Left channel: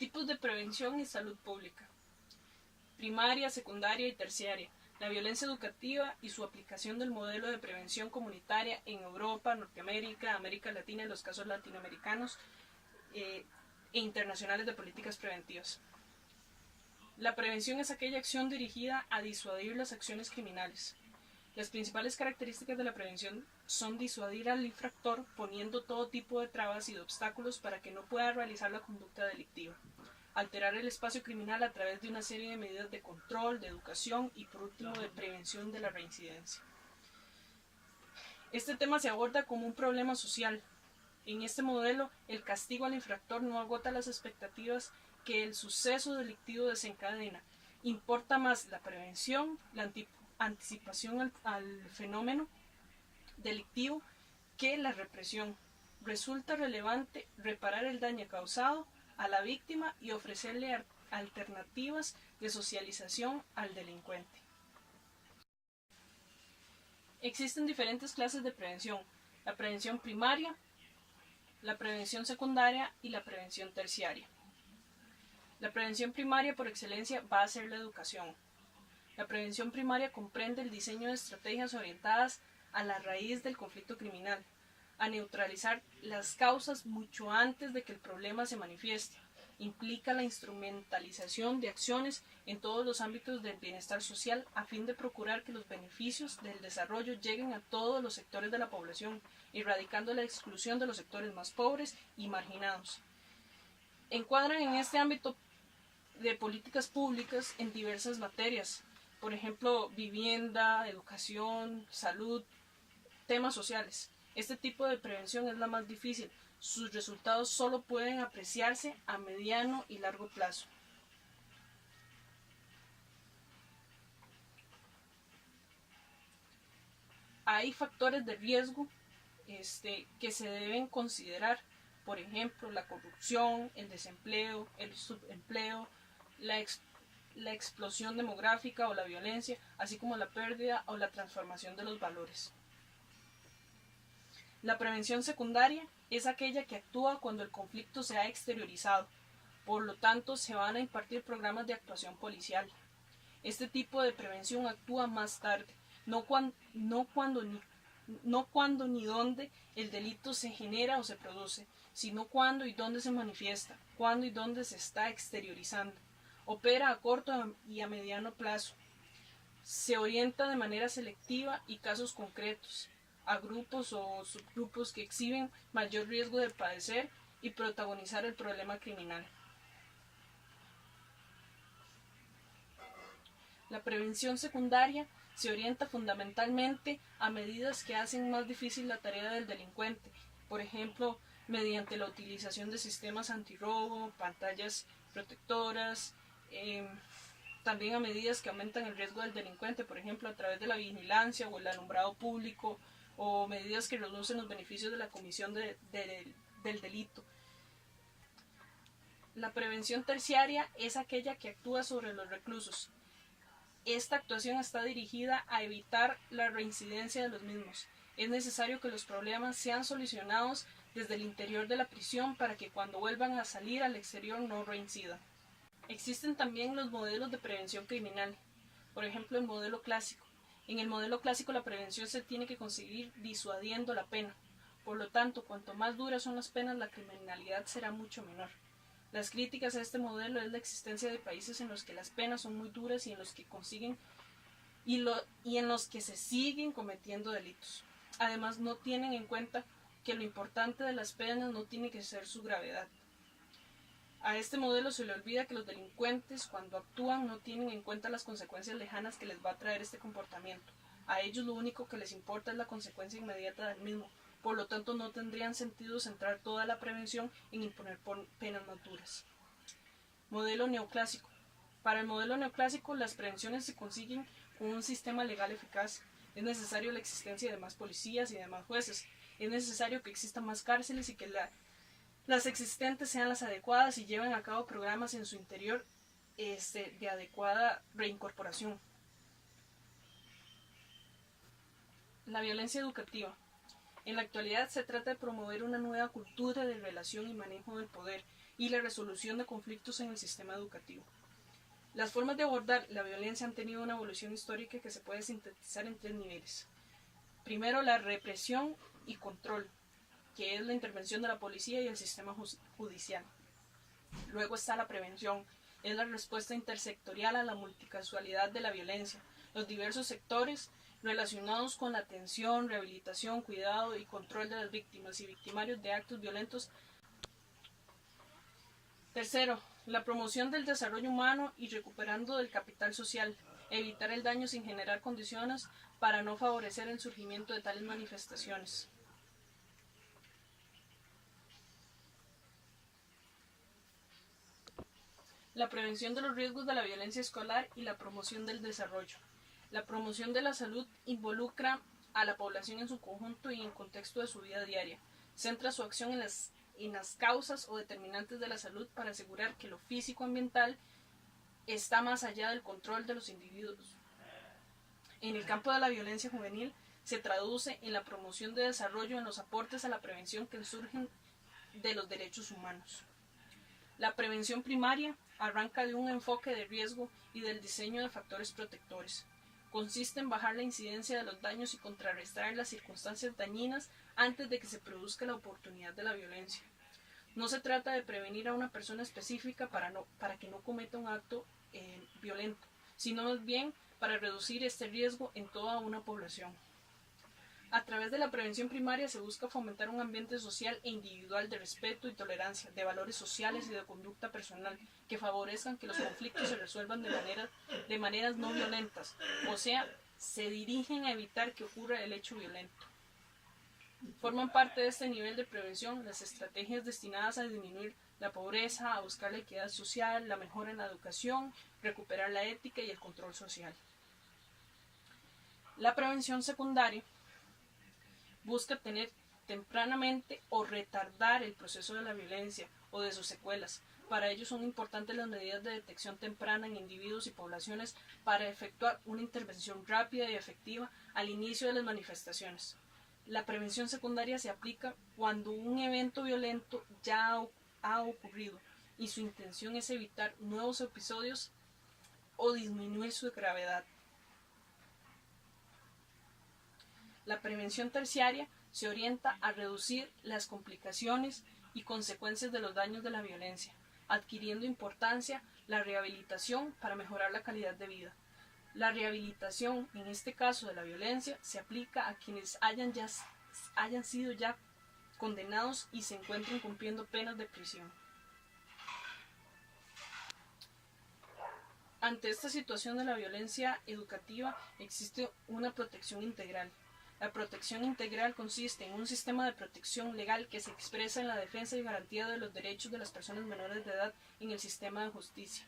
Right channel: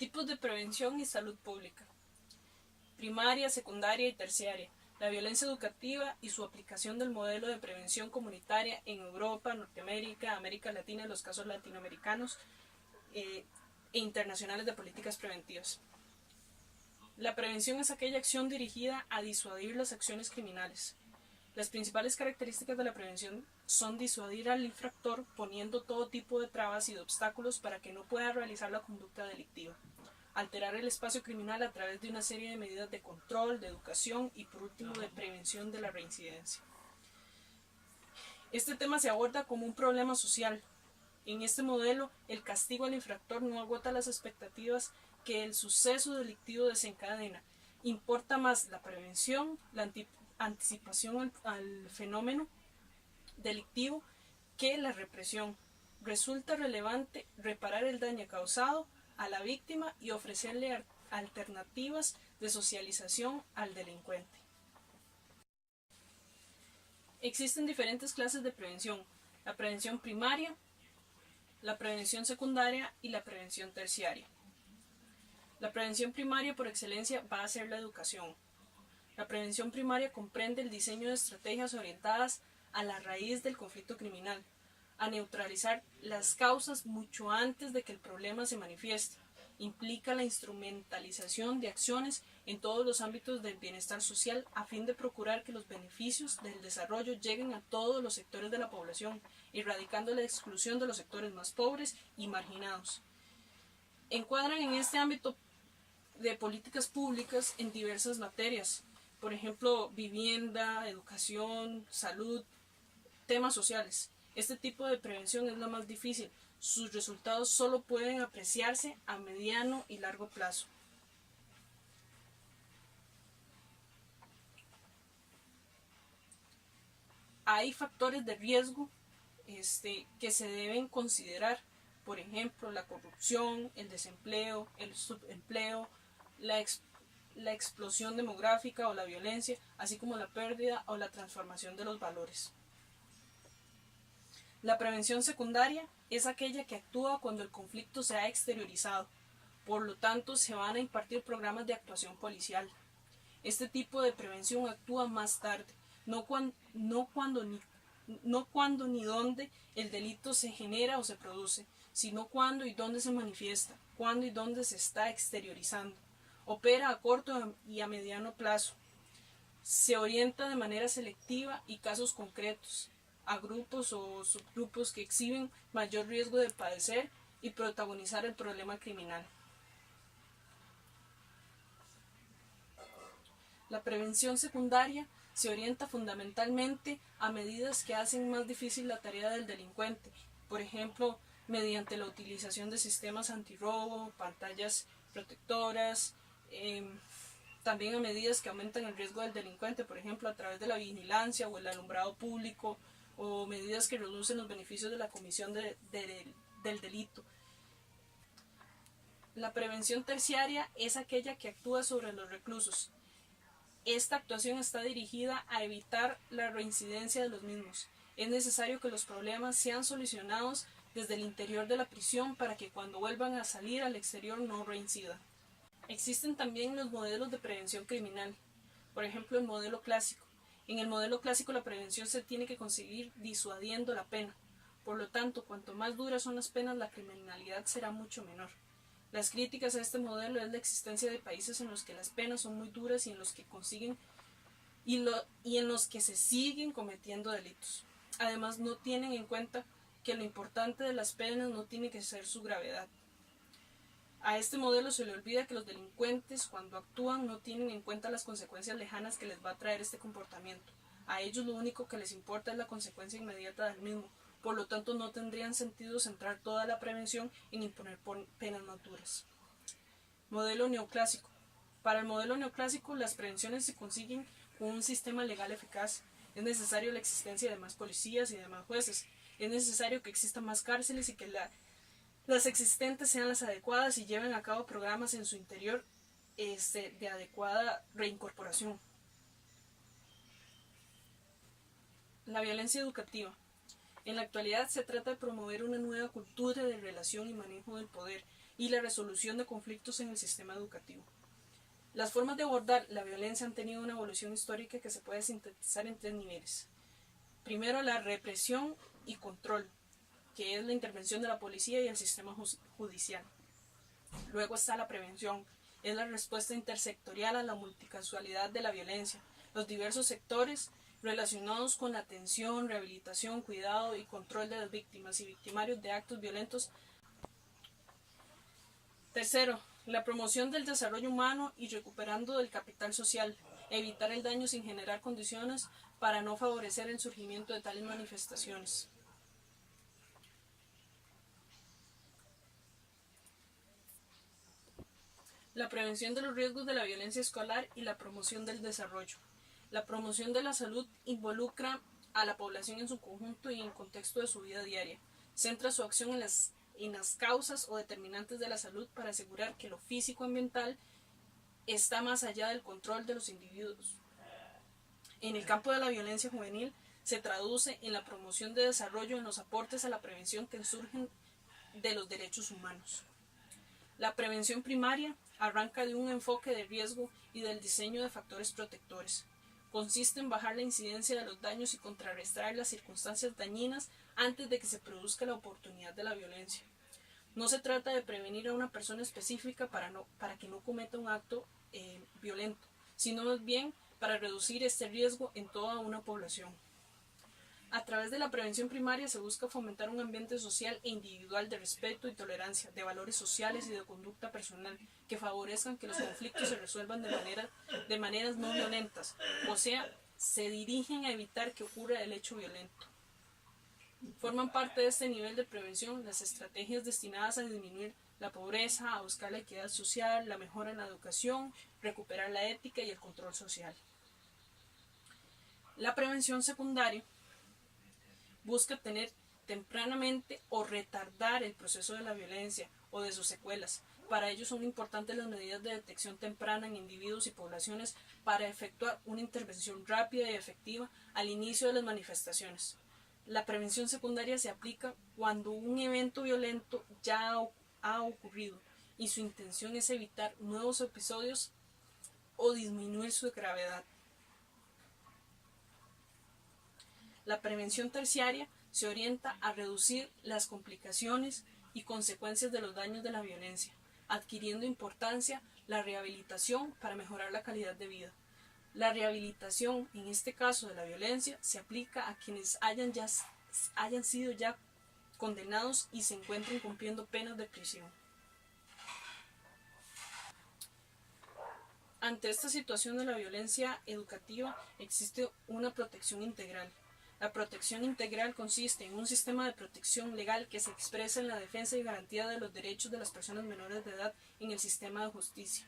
Tipos de prevención y salud pública. Primaria, secundaria y terciaria. La violencia educativa y su aplicación del modelo de prevención comunitaria en Europa, Norteamérica, América Latina y los casos latinoamericanos e internacionales de políticas preventivas. La prevención es aquella acción dirigida a disuadir las acciones criminales. Las principales características de la prevención son disuadir al infractor poniendo todo tipo de trabas y de obstáculos para que no pueda realizar la conducta delictiva. Alterar el espacio criminal a través de una serie de medidas de control, de educación y por último de prevención de la reincidencia. Este tema se aborda como un problema social. En este modelo, el castigo al infractor no agota las expectativas que el suceso delictivo desencadena. Importa más la prevención, la anticipación al fenómeno delictivo que la represión. Resulta relevante reparar el daño causado a la víctima y ofrecerle alternativas de socialización al delincuente. Existen diferentes clases de prevención: la prevención primaria, la prevención secundaria y la prevención terciaria. La prevención primaria por excelencia va a ser la educación. La prevención primaria comprende el diseño de estrategias orientadas a la raíz del conflicto criminal, a neutralizar las causas mucho antes de que el problema se manifieste. Implica la instrumentalización de acciones en todos los ámbitos del bienestar social a fin de procurar que los beneficios del desarrollo lleguen a todos los sectores de la población, erradicando la exclusión de los sectores más pobres y marginados. Encuadran en este ámbito de políticas públicas en diversas materias, por ejemplo, vivienda, educación, salud, temas sociales. Este tipo de prevención es la más difícil. Sus resultados solo pueden apreciarse a mediano y largo plazo. Hay factores de riesgo que se deben considerar, por ejemplo, la corrupción, el desempleo, el subempleo, la explosión demográfica o la violencia, así como la pérdida o la transformación de los valores. La prevención secundaria es aquella que actúa cuando el conflicto se ha exteriorizado, por lo tanto se van a impartir programas de actuación policial. Este tipo de prevención actúa más tarde, no cuando ni dónde el delito se genera o se produce, sino cuándo y dónde se manifiesta, cuándo y dónde se está exteriorizando. Opera a corto y a mediano plazo. Se orienta de manera selectiva y casos concretos a grupos o subgrupos que exhiben mayor riesgo de padecer y protagonizar el problema criminal. La prevención secundaria se orienta fundamentalmente a medidas que hacen más difícil la tarea del delincuente, por ejemplo, mediante la utilización de sistemas antirrobo, pantallas protectoras, también a medidas que aumentan el riesgo del delincuente, por ejemplo, a través de la vigilancia o el alumbrado público, o medidas que reducen los beneficios de la comisión del delito. La prevención terciaria es aquella que actúa sobre los reclusos. Esta actuación está dirigida a evitar la reincidencia de los mismos. Es necesario que los problemas sean solucionados desde el interior de la prisión para que cuando vuelvan a salir al exterior no reincidan. Existen también los modelos de prevención criminal, por ejemplo el modelo clásico. En el modelo clásico la prevención se tiene que conseguir disuadiendo la pena. Por lo tanto, cuanto más duras son las penas, la criminalidad será mucho menor. Las críticas a este modelo es la existencia de países en los que las penas son muy duras y en los que se siguen cometiendo delitos. Además, no tienen en cuenta que lo importante de las penas no tiene que ser su gravedad. A este modelo se le olvida que los delincuentes, cuando actúan, no tienen en cuenta las consecuencias lejanas que les va a traer este comportamiento. A ellos lo único que les importa es la consecuencia inmediata del mismo. Por lo tanto, no tendrían sentido centrar toda la prevención en imponer penas más duras. Modelo neoclásico. Para el modelo neoclásico, las prevenciones se consiguen con un sistema legal eficaz. Es necesario la existencia de más policías y de más jueces. Es necesario que existan más cárceles y que las existentes sean las adecuadas y lleven a cabo programas en su interior de adecuada reincorporación. La violencia educativa. En la actualidad se trata de promover una nueva cultura de relación y manejo del poder y la resolución de conflictos en el sistema educativo. Las formas de abordar la violencia han tenido una evolución histórica que se puede sintetizar en 3 niveles. Primero, la represión y control, que es la intervención de la policía y el sistema judicial. Luego está la prevención, es la respuesta intersectorial a la multicausalidad de la violencia, los diversos sectores relacionados con la atención, rehabilitación, cuidado y control de las víctimas y victimarios de actos violentos. Tercero, la promoción del desarrollo humano y recuperando del capital social, evitar el daño sin generar condiciones para no favorecer el surgimiento de tales manifestaciones. La prevención de los riesgos de la violencia escolar y la promoción del desarrollo. La promoción de la salud involucra a la población en su conjunto y en el contexto de su vida diaria. Centra su acción en las causas o determinantes de la salud para asegurar que lo físico-ambiental está más allá del control de los individuos. En el campo de la violencia juvenil se traduce en la promoción de desarrollo en los aportes a la prevención que surgen de los derechos humanos. La prevención primaria arranca de un enfoque de riesgo y del diseño de factores protectores. Consiste en bajar la incidencia de los daños y contrarrestar las circunstancias dañinas antes de que se produzca la oportunidad de la violencia. No se trata de prevenir a una persona específica para que no cometa un acto violento, sino más bien para reducir este riesgo en toda una población. A través de la prevención primaria se busca fomentar un ambiente social e individual de respeto y tolerancia, de valores sociales y de conducta personal, que favorezcan que los conflictos se resuelvan de maneras no violentas, o sea, se dirigen a evitar que ocurra el hecho violento. Forman parte de este nivel de prevención las estrategias destinadas a disminuir la pobreza, a buscar la equidad social, la mejora en la educación, recuperar la ética y el control social. La prevención secundaria busca tener tempranamente o retardar el proceso de la violencia o de sus secuelas. Para ello son importantes las medidas de detección temprana en individuos y poblaciones para efectuar una intervención rápida y efectiva al inicio de las manifestaciones. La prevención secundaria se aplica cuando un evento violento ya ha ocurrido y su intención es evitar nuevos episodios o disminuir su gravedad. La prevención terciaria se orienta a reducir las complicaciones y consecuencias de los daños de la violencia, adquiriendo importancia la rehabilitación para mejorar la calidad de vida. La rehabilitación, en este caso de la violencia, se aplica a quienes hayan sido ya condenados y se encuentren cumpliendo penas de prisión. Ante esta situación de la violencia educativa existe una protección integral. La protección integral consiste en un sistema de protección legal que se expresa en la defensa y garantía de los derechos de las personas menores de edad en el sistema de justicia.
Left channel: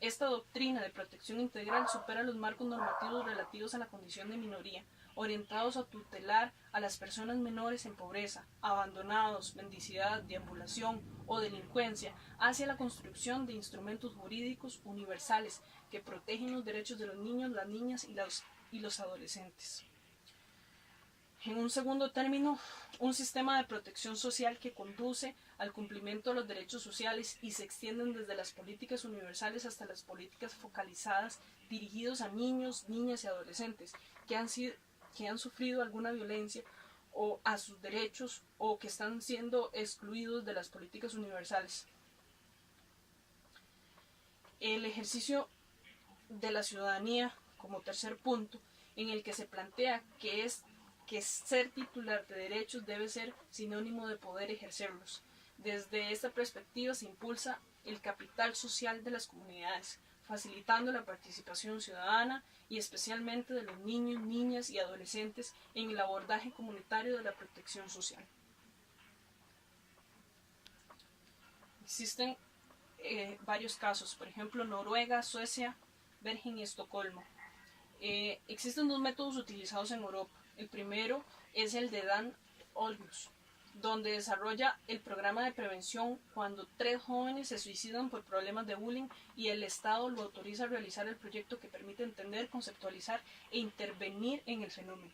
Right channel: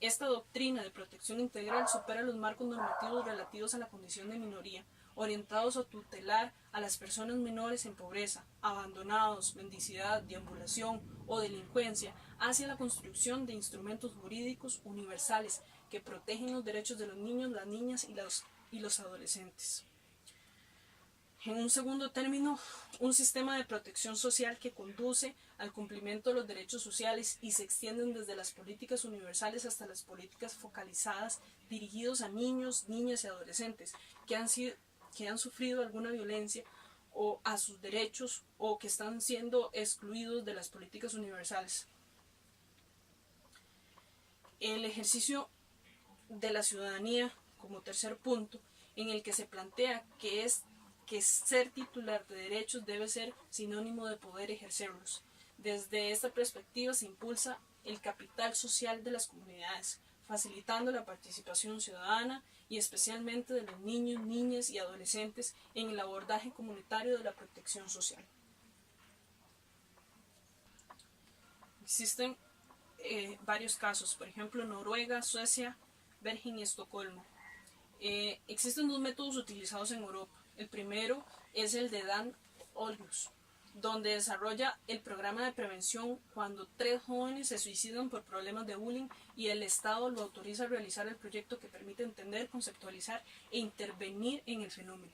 Esta doctrina de protección integral supera los marcos normativos relativos a la condición de minoría, orientados a tutelar a las personas menores en pobreza, abandonados, mendicidad, deambulación o delincuencia, hacia la construcción de instrumentos jurídicos universales que protegen los derechos de los niños, las niñas y los adolescentes. En un segundo término, un sistema de protección social que conduce al cumplimiento de los derechos sociales y se extienden desde las políticas universales hasta las políticas focalizadas dirigidos a niños, niñas y adolescentes que han sufrido alguna violencia o a sus derechos o que están siendo excluidos de las políticas universales. El ejercicio de la ciudadanía como tercer punto, en el que se plantea que ser titular de derechos debe ser sinónimo de poder ejercerlos. Desde esta perspectiva se impulsa el capital social de las comunidades, facilitando la participación ciudadana y especialmente de los niños, niñas y adolescentes en el abordaje comunitario de la protección social. Existen varios casos, por ejemplo Noruega, Suecia, Bergen y Estocolmo. Existen 2 métodos utilizados en Europa. El primero es el de Dan Olgus, donde desarrolla el programa de prevención cuando 3 jóvenes se suicidan por problemas de bullying y el Estado lo autoriza a realizar el proyecto que permite entender, conceptualizar e intervenir en el fenómeno.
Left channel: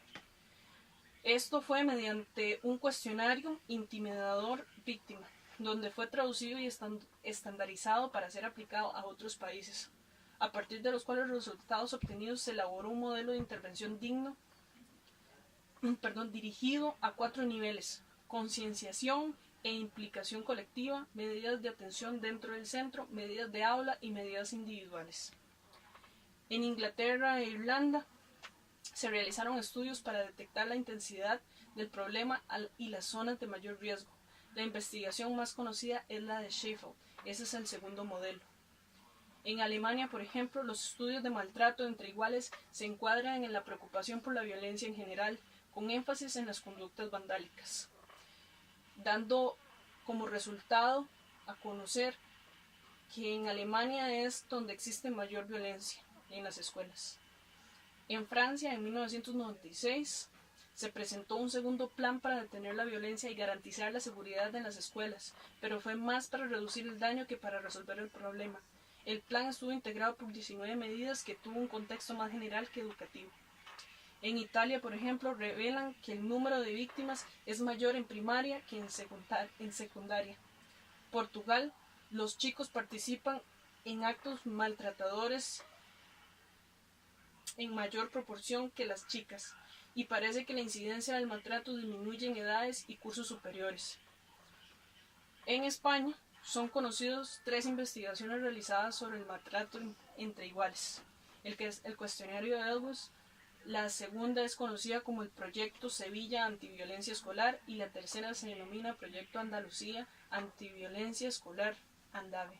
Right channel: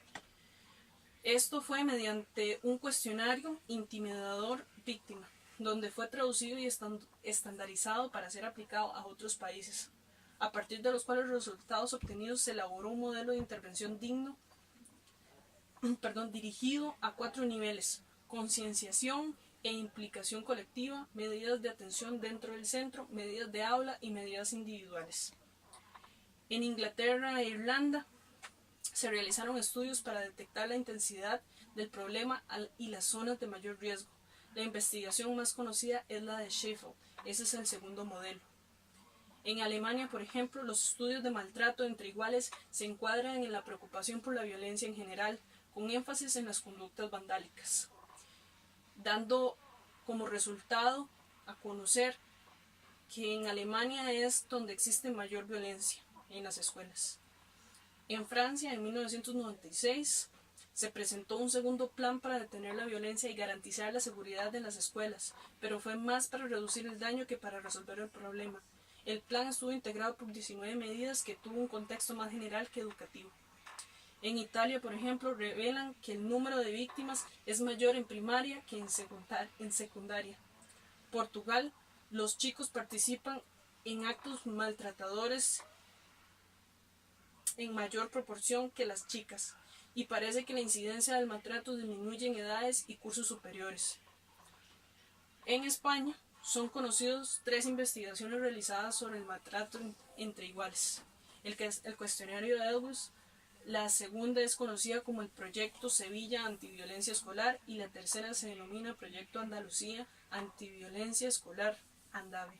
Esto fue mediante un cuestionario intimidador víctima, donde fue traducido y estandarizado para ser aplicado a otros países, a partir de los cuales los resultados obtenidos se elaboró un modelo de intervención dirigido a 4 niveles: concienciación e implicación colectiva, medidas de atención dentro del centro, medidas de aula y medidas individuales. En Inglaterra e Irlanda se realizaron estudios para detectar la intensidad del problema y las zonas de mayor riesgo. La investigación más conocida es la de Sheffield, ese es el segundo modelo. En Alemania, por ejemplo, los estudios de maltrato entre iguales se encuadran en la preocupación por la violencia en general, con énfasis en las conductas vandálicas, dando como resultado a conocer que en Alemania es donde existe mayor violencia en las escuelas. En Francia, en 1996, se presentó un segundo plan para detener la violencia y garantizar la seguridad en las escuelas, pero fue más para reducir el daño que para resolver el problema. El plan estuvo integrado por 19 medidas que tuvo un contexto más general que educativo. En Italia, por ejemplo, revelan que el número de víctimas es mayor en primaria que en secundaria. Portugal, los chicos participan en actos maltratadores en mayor proporción que las chicas, y parece que la incidencia del maltrato disminuye en edades y cursos superiores. En España, son conocidos 3 investigaciones realizadas sobre el maltrato entre iguales. El cuestionario de Edwards, la segunda es conocida como el Proyecto Sevilla Antiviolencia Escolar y la tercera se denomina Proyecto Andalucía Antiviolencia Escolar, ANDAVE.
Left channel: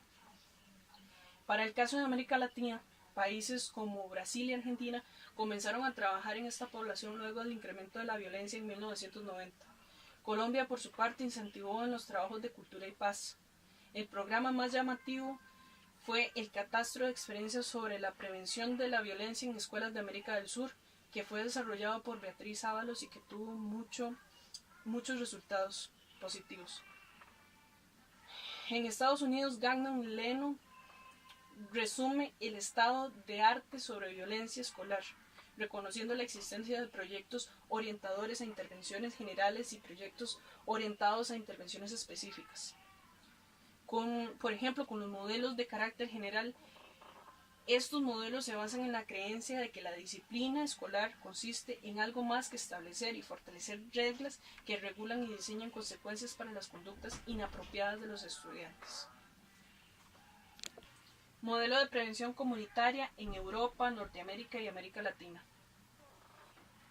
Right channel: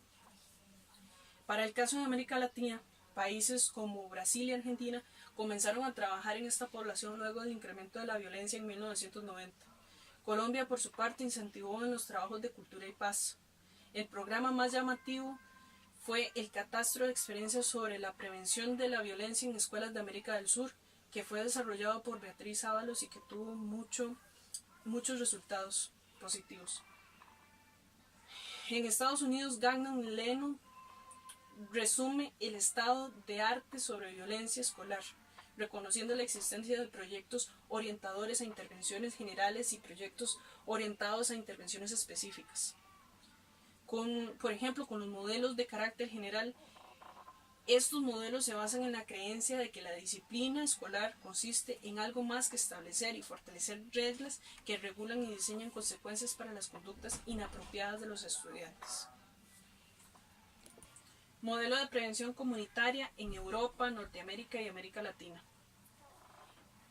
Para el caso de América Latina, países como Brasil y Argentina comenzaron a trabajar en esta población luego del incremento de la violencia en 1990. Colombia, por su parte, incentivó en los trabajos de cultura y paz. El programa más llamativo fue el Catastro de Experiencias sobre la Prevención de la Violencia en Escuelas de América del Sur, que fue desarrollado por Beatriz Ábalos y que tuvo muchos resultados positivos. En Estados Unidos, Gagnon Leno resume el estado de arte sobre violencia escolar, reconociendo la existencia de proyectos orientadores a intervenciones generales y proyectos orientados a intervenciones específicas. Por ejemplo, con los modelos de carácter general, estos modelos se basan en la creencia de que la disciplina escolar consiste en algo más que establecer y fortalecer reglas que regulan y diseñan consecuencias para las conductas inapropiadas de los estudiantes. Modelo de prevención comunitaria en Europa, Norteamérica y América Latina.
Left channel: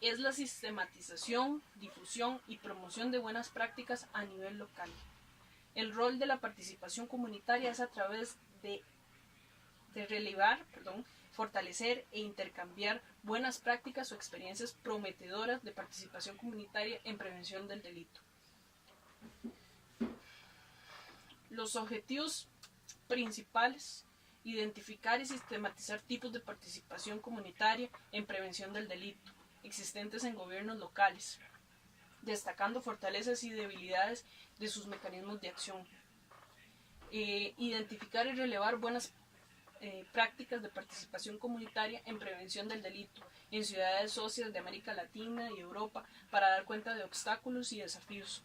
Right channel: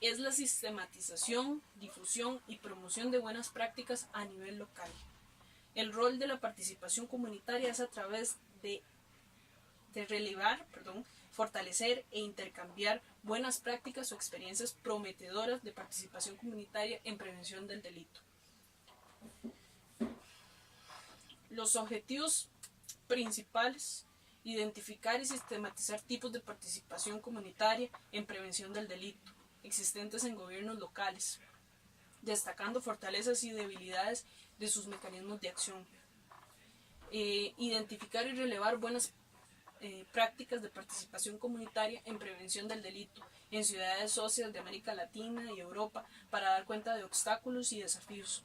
Es la sistematización, difusión y promoción de buenas prácticas a nivel local. El rol de la participación comunitaria es a través de fortalecer e intercambiar buenas prácticas o experiencias prometedoras de participación comunitaria en prevención del delito. Los objetivos principales: identificar y sistematizar tipos de participación comunitaria en prevención del delito existentes en gobiernos locales, destacando fortalezas y debilidades de sus mecanismos de acción. Identificar y relevar buenas prácticas de participación comunitaria en prevención del delito en ciudades socias de América Latina y Europa para dar cuenta de obstáculos y desafíos.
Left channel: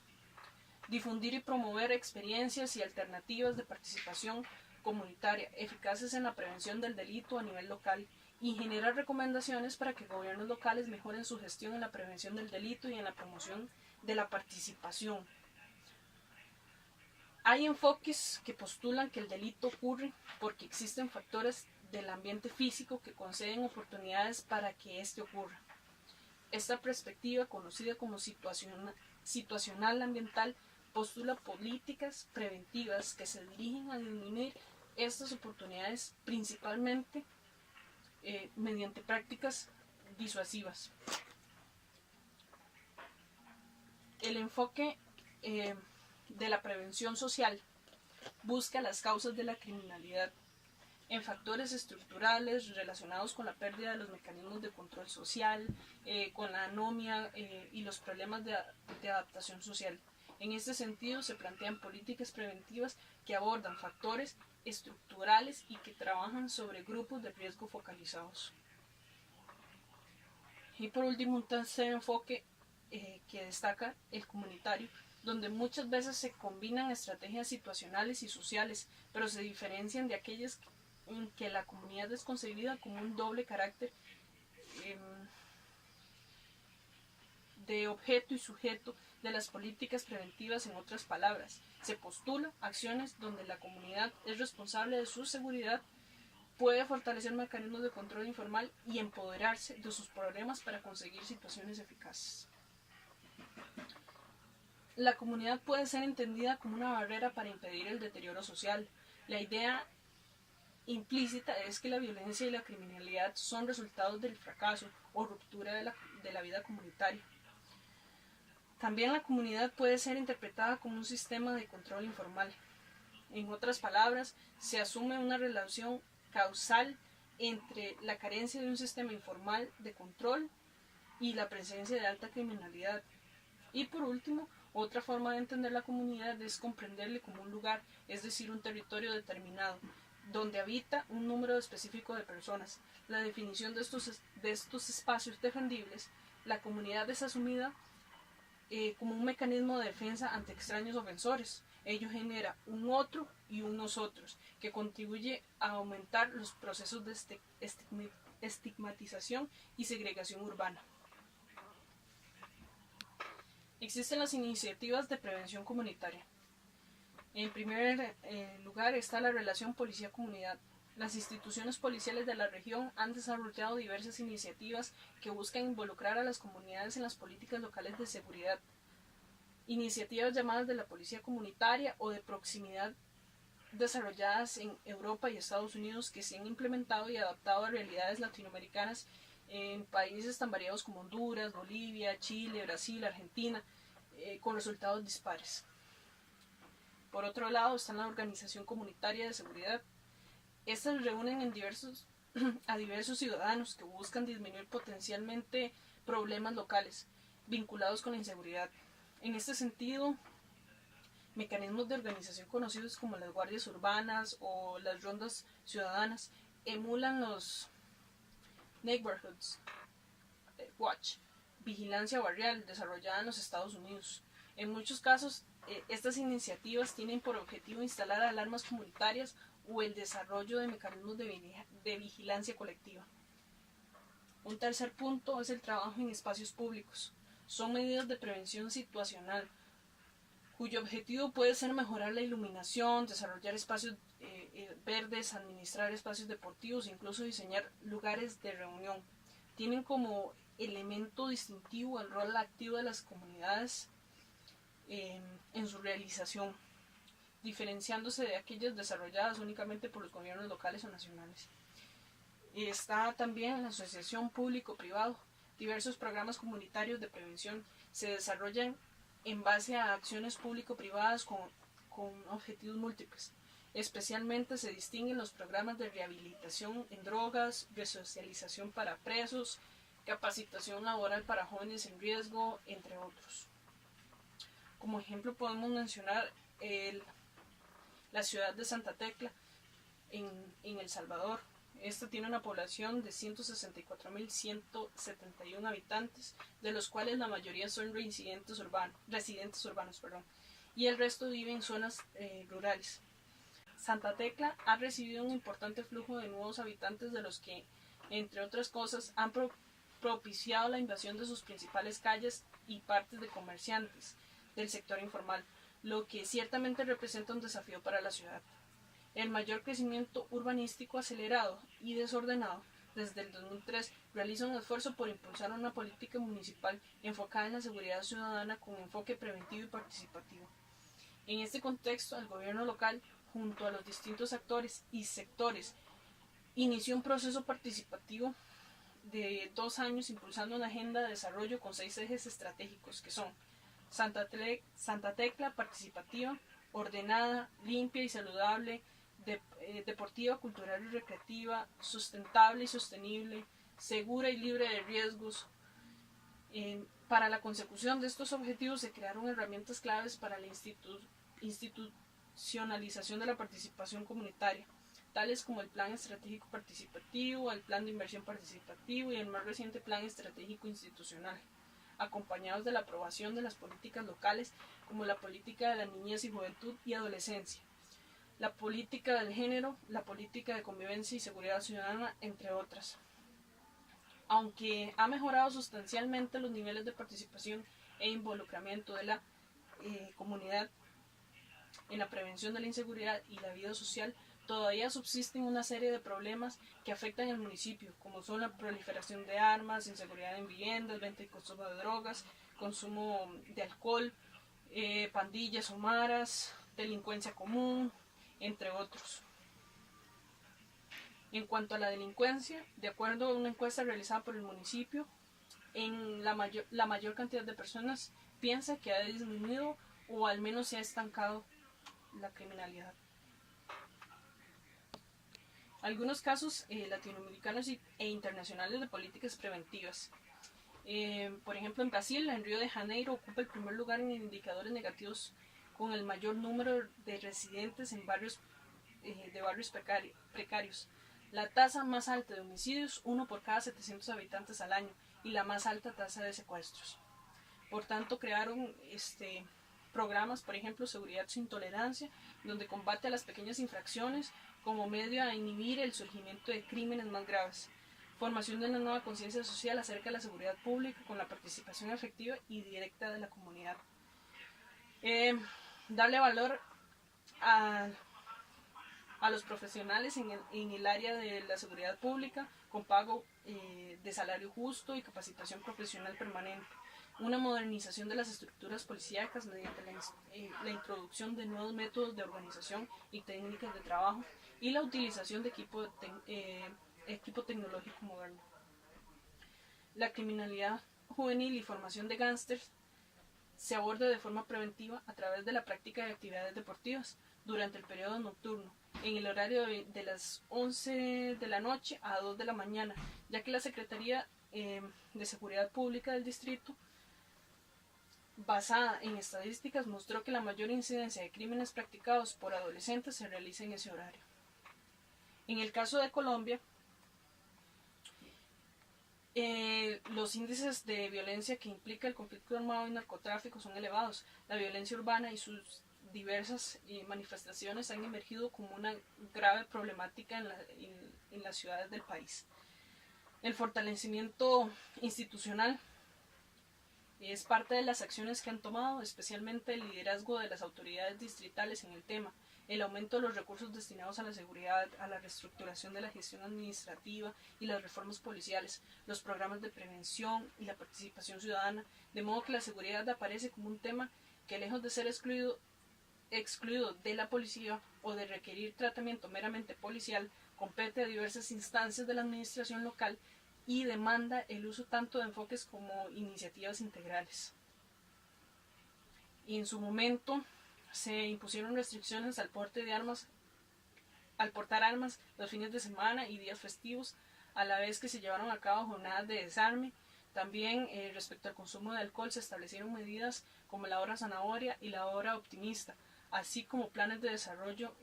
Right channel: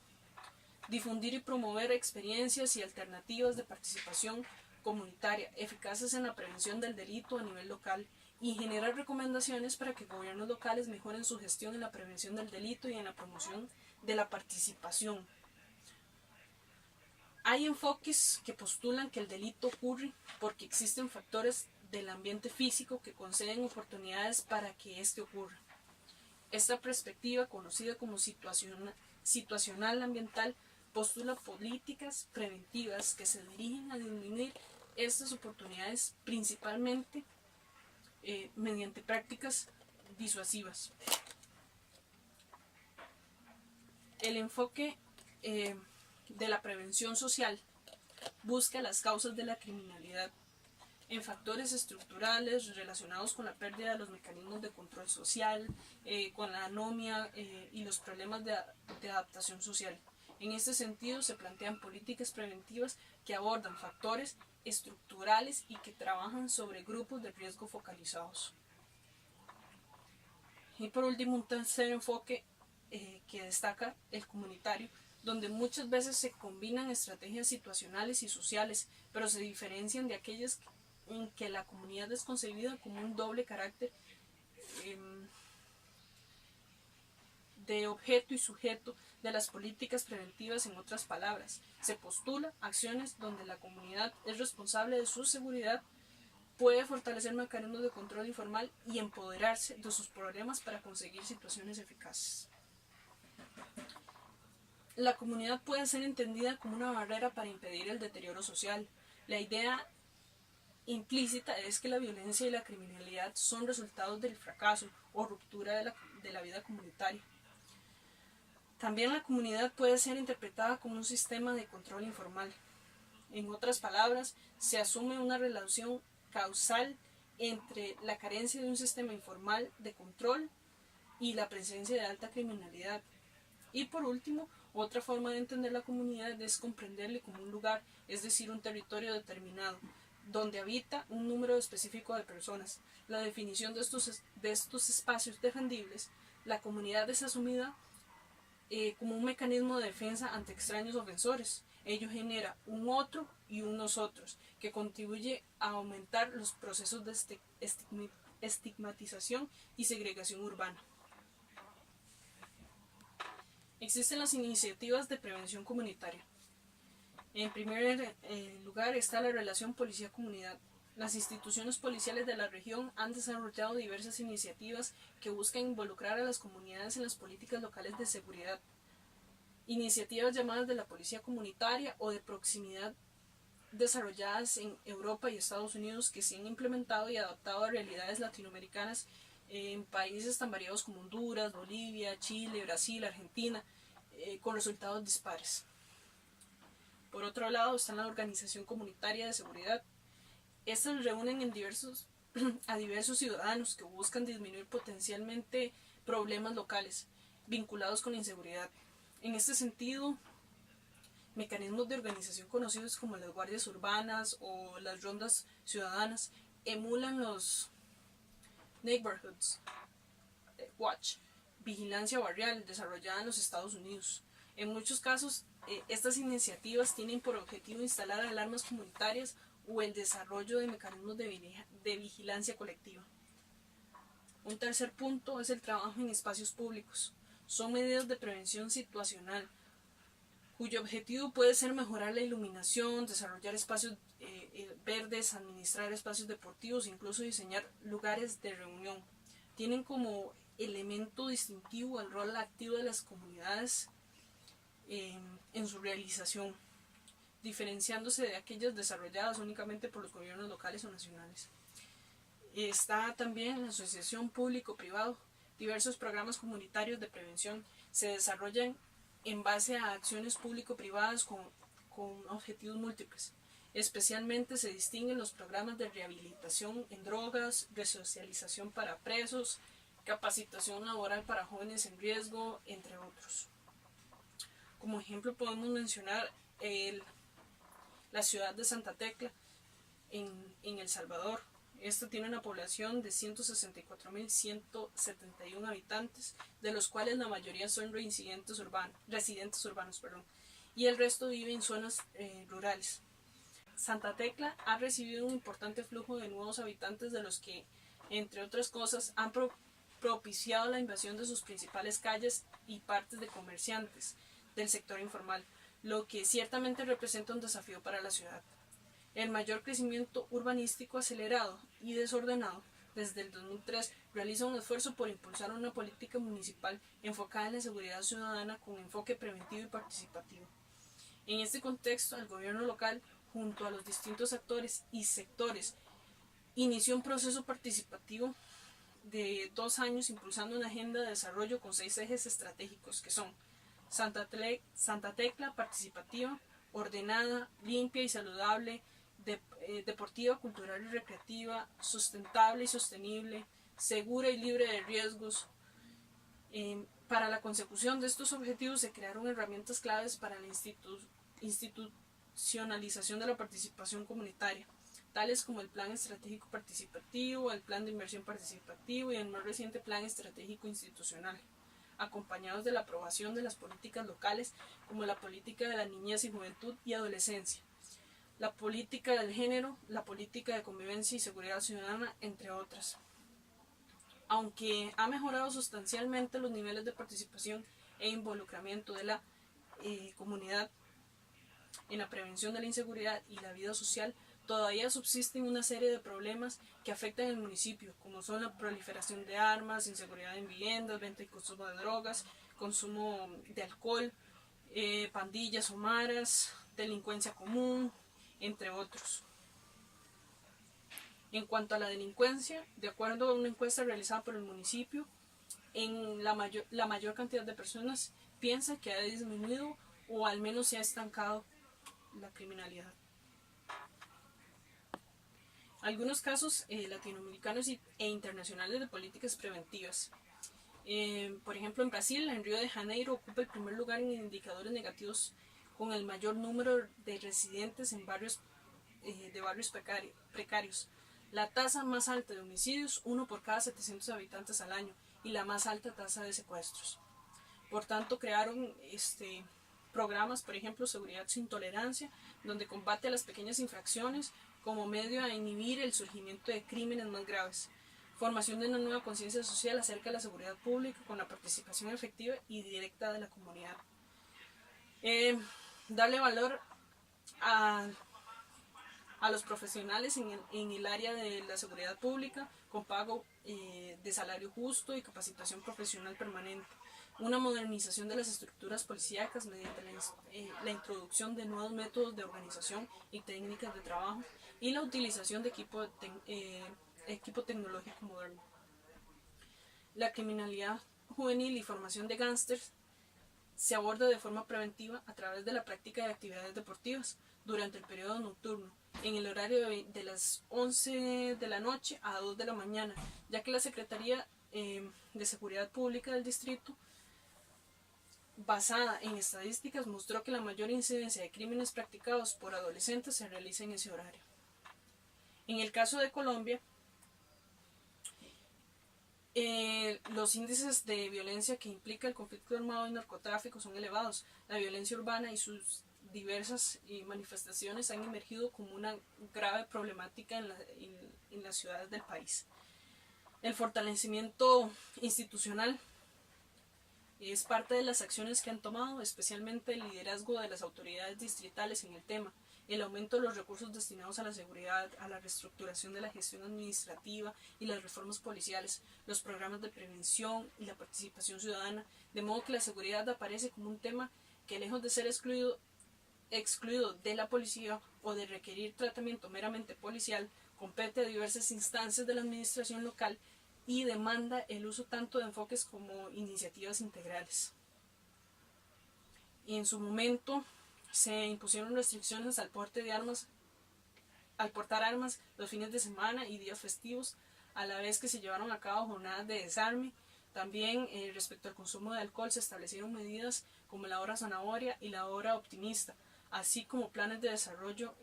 Difundir y promover experiencias y alternativas de participación comunitaria eficaces en la prevención del delito a nivel local y generar recomendaciones para que gobiernos locales mejoren su gestión en la prevención del delito y en la promoción de la participación. Hay enfoques que postulan que el delito ocurre porque existen factores del ambiente físico que conceden oportunidades para que éste ocurra. Esta perspectiva, conocida como situacional ambiental, postula políticas preventivas que se dirigen a disminuir estas oportunidades principalmente mediante prácticas disuasivas. El enfoque de la prevención social busca las causas de la criminalidad en factores estructurales relacionados con la pérdida de los mecanismos de control social, con la anomia y los problemas de adaptación social. En este sentido, se plantean políticas preventivas que abordan factores estructurales y que trabajan sobre grupos de riesgo focalizados. Y por último, un tercer enfoque que destaca el comunitario donde muchas veces se combinan estrategias situacionales y sociales, pero se diferencian de aquellas en que la comunidad es concebida como un doble carácter de objeto y sujeto de las políticas preventivas. En otras palabras, se postula acciones donde la comunidad es responsable de su seguridad, puede fortalecer mecanismos de control informal y empoderarse de sus problemas para conseguir situaciones eficaces. La comunidad puede ser entendida como una barrera para impedir el deterioro social. La idea implícita es que la violencia y la criminalidad son resultados del fracaso o ruptura de la vida comunitaria. También la comunidad puede ser interpretada como un sistema de control informal. En otras palabras, se asume una relación causal entre la carencia de un sistema informal de control y la presencia de alta criminalidad. Y por último, otra forma de entender la comunidad es comprenderle como un lugar, es decir, un territorio determinado, donde habita un número específico de personas. La definición de estos espacios defendibles, la comunidad es asumida como un mecanismo de defensa ante extraños ofensores. Ello genera un otro y un nosotros, que contribuye a aumentar los procesos de estigmatización y segregación urbana. Existen las iniciativas de prevención comunitaria. En primer lugar está la relación policía-comunidad. Las instituciones policiales de la región han desarrollado diversas iniciativas que buscan involucrar a las comunidades en las políticas locales de seguridad. Iniciativas llamadas de la policía comunitaria o de proximidad, desarrolladas en Europa y Estados Unidos, que se han implementado y adaptado a realidades latinoamericanas en países tan variados como Honduras, Bolivia, Chile, Brasil, Argentina, con resultados dispares. Por otro lado está la Organización Comunitaria de Seguridad. Estas reúnen a diversos ciudadanos que buscan disminuir potencialmente problemas locales vinculados con la inseguridad. En este sentido, mecanismos de organización conocidos como las guardias urbanas o las rondas ciudadanas emulan los Neighborhoods Watch, vigilancia barrial desarrollada en los Estados Unidos. En muchos casos, estas iniciativas tienen por objetivo instalar alarmas comunitarias o el desarrollo de mecanismos de vigilancia colectiva. Un tercer punto es el trabajo en espacios públicos. Son medidas de prevención situacional, cuyo objetivo puede ser mejorar la iluminación, desarrollar espacios verdes, administrar espacios deportivos, incluso diseñar lugares de reunión. Tienen como elemento distintivo el rol activo de las comunidades en su realización, diferenciándose de aquellas desarrolladas únicamente por los gobiernos locales o nacionales. Está también la asociación público-privado. Diversos programas comunitarios de prevención se desarrollan en base a acciones público-privadas con objetivos múltiples. Especialmente se distinguen los programas de rehabilitación en drogas, resocialización para presos, capacitación laboral para jóvenes en riesgo, entre otros. Como ejemplo podemos mencionar la ciudad de Santa Tecla en El Salvador. Esta tiene una población de 164.171 habitantes, de los cuales la mayoría son residentes urbanos, y el resto vive en zonas rurales. Santa Tecla ha recibido un importante flujo de nuevos habitantes, de los que, entre otras cosas, han propiciado la invasión de sus principales calles y partes de comerciantes del sector informal, lo que ciertamente representa un desafío para la ciudad. El mayor crecimiento urbanístico acelerado y desordenado desde el 2003 realiza un esfuerzo por impulsar una política municipal enfocada en la seguridad ciudadana con enfoque preventivo y participativo. En este contexto, el gobierno local, junto a los distintos actores y sectores, inició un proceso participativo de 2 años impulsando una agenda de desarrollo con 6 ejes estratégicos, que son Santa Tecla participativa, ordenada, limpia y saludable, deportiva, cultural y recreativa, sustentable y sostenible, segura y libre de riesgos. Para la consecución de estos objetivos se crearon herramientas claves para la institucionalización de la participación comunitaria, tales como el Plan Estratégico Participativo, el Plan de Inversión Participativo y el más reciente Plan Estratégico Institucional. acompañados de la aprobación de las políticas locales, como la política de la niñez y juventud y adolescencia, la política del género, la política de convivencia y seguridad ciudadana, entre otras. Aunque ha mejorado sustancialmente los niveles de participación e involucramiento de la comunidad en la prevención de la inseguridad y la vida social, todavía subsisten una serie de problemas que afectan el municipio, como son la proliferación de armas, inseguridad en viviendas, venta y consumo de drogas, consumo de alcohol, pandillas o maras, delincuencia común, entre otros. En cuanto a la delincuencia, de acuerdo a una encuesta realizada por el municipio, la mayor cantidad de personas piensa que ha disminuido o al menos se ha estancado la criminalidad. Algunos casos latinoamericanos e internacionales de políticas preventivas. Por ejemplo, en Brasil, en Río de Janeiro, ocupa el primer lugar en indicadores negativos con el mayor número de residentes en barrios precarios. La tasa más alta de homicidios, 1 por cada 700 habitantes al año, y la más alta tasa de secuestros. Por tanto, crearon programas, por ejemplo, Seguridad sin Tolerancia, donde combate a las pequeñas infracciones como medio a inhibir el surgimiento de crímenes más graves. Formación de una nueva conciencia social acerca de la seguridad pública con la participación efectiva y directa de la comunidad. Darle valor a los profesionales en el área de la seguridad pública con pago de salario justo y capacitación profesional permanente. Una modernización de las estructuras policíacas mediante la introducción de nuevos métodos de organización y técnicas de trabajo y la utilización de equipo tecnológico moderno. La criminalidad juvenil y formación de gángsters se aborda de forma preventiva a través de la práctica de actividades deportivas durante el periodo nocturno, en el horario de las 11 de la noche a 2 de la mañana, ya que la Secretaría de Seguridad Pública del Distrito, basada en estadísticas, mostró que la mayor incidencia de crímenes practicados por adolescentes se realiza en ese horario. En el caso de Colombia, los índices de violencia que implica el conflicto armado y narcotráfico son elevados. La violencia urbana y sus diversas manifestaciones han emergido como una grave problemática en las ciudades del país. El fortalecimiento institucional es parte de las acciones que han tomado, especialmente el liderazgo de las autoridades distritales en el tema, el aumento de los recursos destinados a la seguridad, a la reestructuración de la gestión administrativa y las reformas policiales, los programas de prevención y la participación ciudadana, de modo que la seguridad aparece como un tema que, lejos de ser excluido de la policía o de requerir tratamiento meramente policial, compete a diversas instancias de la administración local y demanda el uso tanto de enfoques como iniciativas integrales. Y en su momento se impusieron restricciones al portar armas los fines de semana y días festivos, a la vez que se llevaron a cabo jornadas de desarme. También respecto al consumo de alcohol se establecieron medidas como la hora zanahoria y la hora optimista, así como planes de desarrollo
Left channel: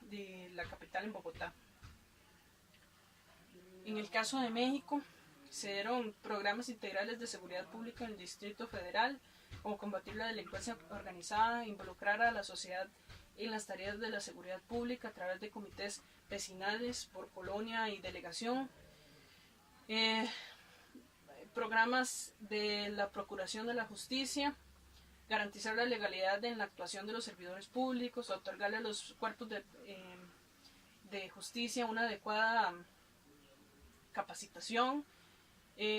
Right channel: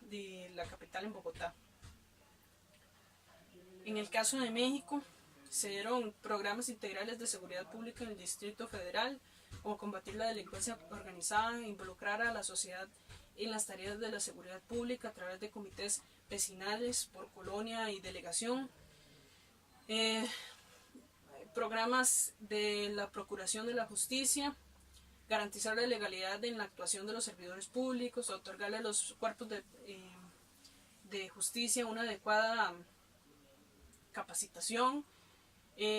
de la capital en Bogotá. En el caso de México, se dieron programas integrales de seguridad pública en el Distrito Federal, como combatir la delincuencia organizada, involucrar a la sociedad en las tareas de la seguridad pública a través de comités vecinales por colonia y delegación, programas de la Procuración de la Justicia, garantizar la legalidad en la actuación de los servidores públicos, otorgarle a los cuerpos de justicia una adecuada capacitación,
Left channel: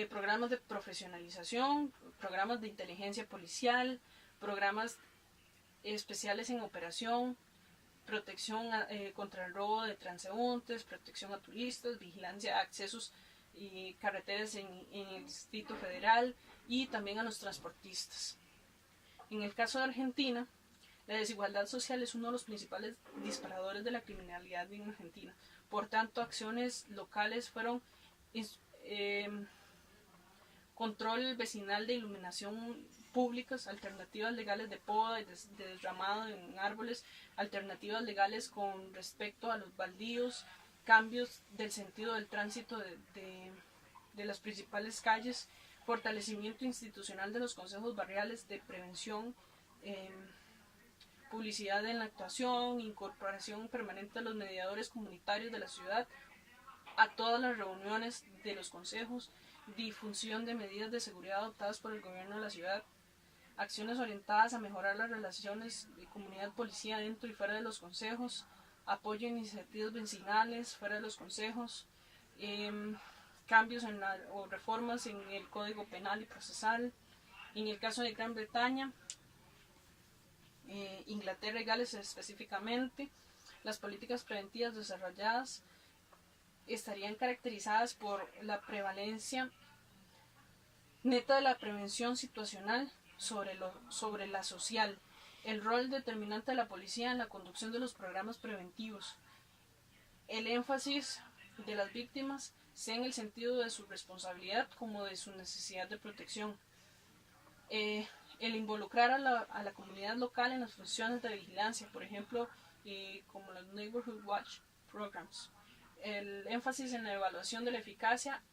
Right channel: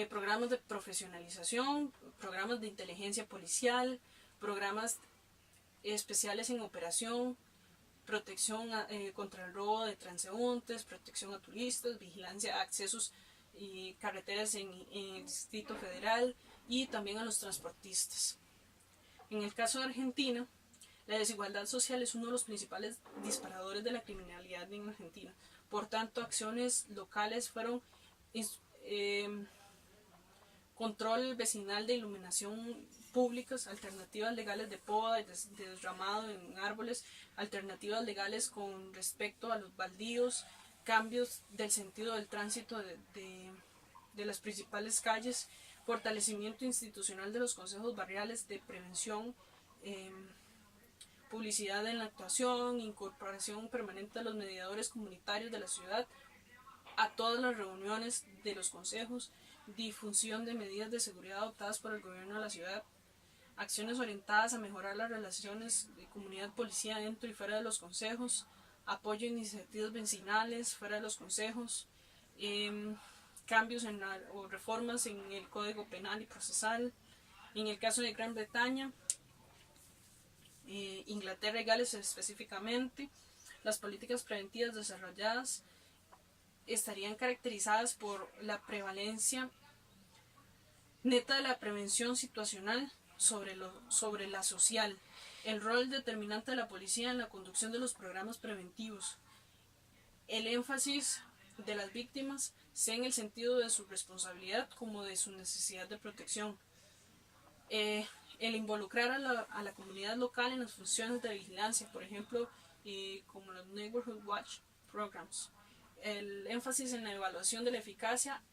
programas de profesionalización, programas de inteligencia policial, programas especiales en operación, protección contra el robo de transeúntes, protección a turistas, vigilancia a accesos y carreteras en el Distrito Federal y también a los transportistas. En el caso de Argentina, la desigualdad social es uno de los principales disparadores de la criminalidad en Argentina. Por tanto, acciones locales fueron control vecinal de iluminación públicas, alternativas legales de poda y de desramado en árboles, alternativas legales con respecto a los baldíos, cambios del sentido del tránsito de las principales calles, fortalecimiento institucional de los consejos barriales de prevención, publicidad en la actuación, incorporación permanente de los mediadores comunitarios de la ciudad a todas las reuniones de los consejos, difusión de medidas de seguridad adoptadas por el gobierno de la ciudad, acciones orientadas a mejorar las relaciones de comunidad-policía dentro y fuera de los consejos, apoyo a iniciativas vecinales fuera de los consejos, cambios o reformas en el Código Penal y Procesal. En el caso de Gran Bretaña, Inglaterra y Gales específicamente, las políticas preventivas desarrolladas estarían caracterizadas por la prevalencia neta de la prevención situacional sobre la social, el rol determinante de la policía en la conducción de los programas preventivos, el énfasis de las víctimas sea en el sentido de su responsabilidad como de su necesidad de protección, el involucrar a la comunidad local en las funciones de vigilancia, por ejemplo, como los Neighborhood Watch Programs, el énfasis en la evaluación de la eficacia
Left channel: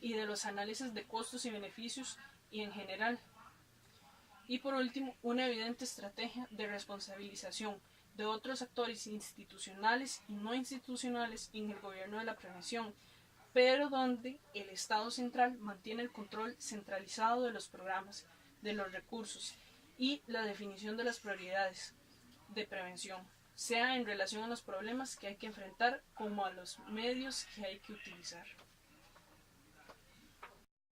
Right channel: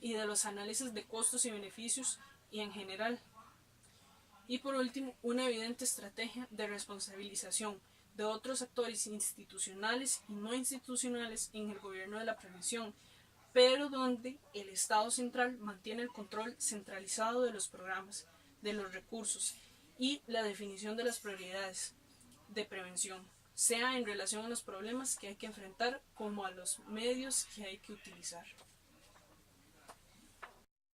y de los análisis de costos y beneficios y en general. Y por último, una evidente estrategia de responsabilización de otros actores institucionales y no institucionales en el gobierno de la prevención, pero donde el Estado central mantiene el control centralizado de los programas, de los recursos y la definición de las prioridades de prevención, sea en relación a los problemas que hay que enfrentar como a los medios que hay que utilizar.